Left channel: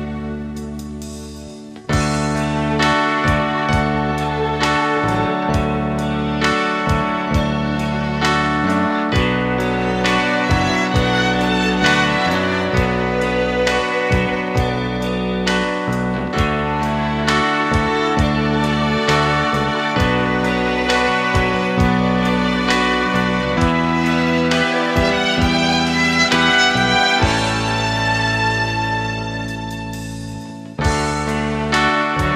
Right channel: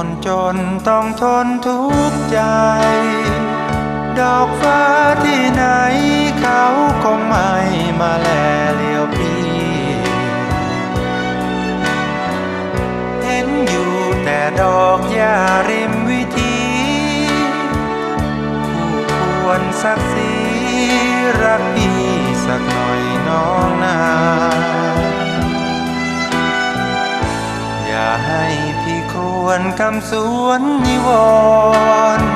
คนจนต้องทนทุกข์ยา วนคำสวนนิวรณ์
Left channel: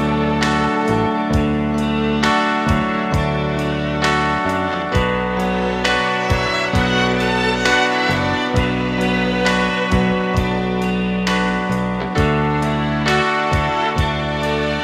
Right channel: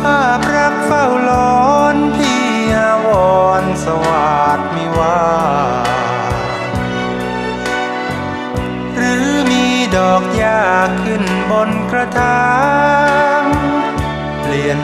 ภาพรักเฝ้าล้อนพี่อาวรณ์สวัสดมิวาหรือมีดอกยาขึ้นบนกระถางเปลี่ยน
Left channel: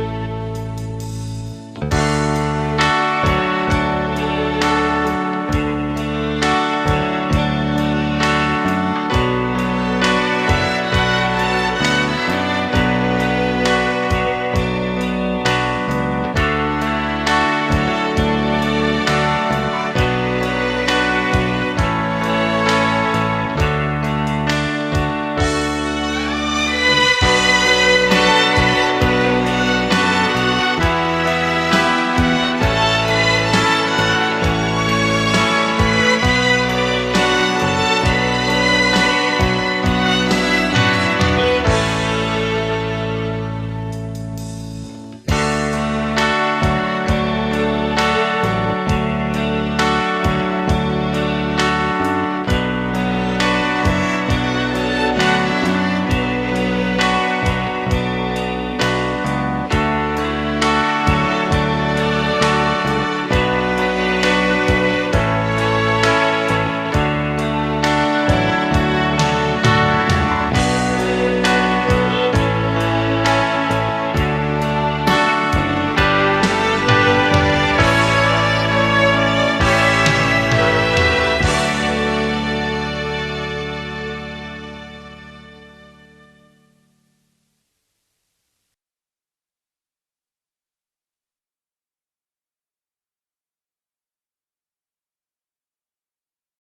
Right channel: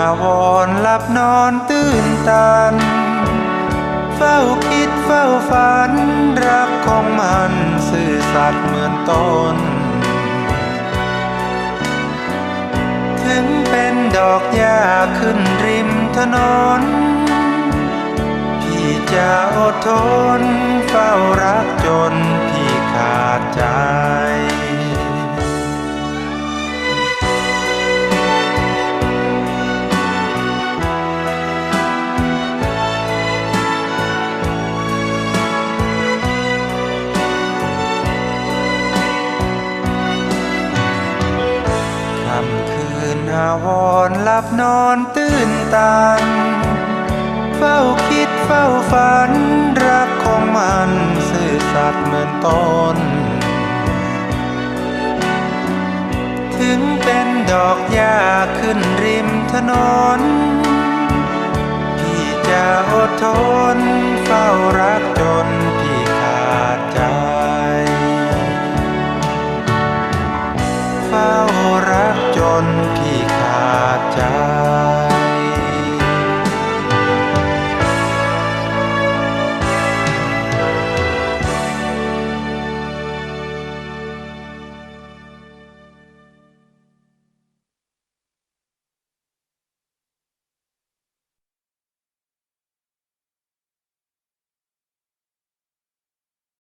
าวรณ์หลับนอนตื่นตัน เฝ้าคิดเฝ้าฝัน รักของมันซื่อสัตย์เหมือนต้น ถึงเป็นดอกหญ้าขึ้นริมถนน นอนตื่นตันเฝ้าคิด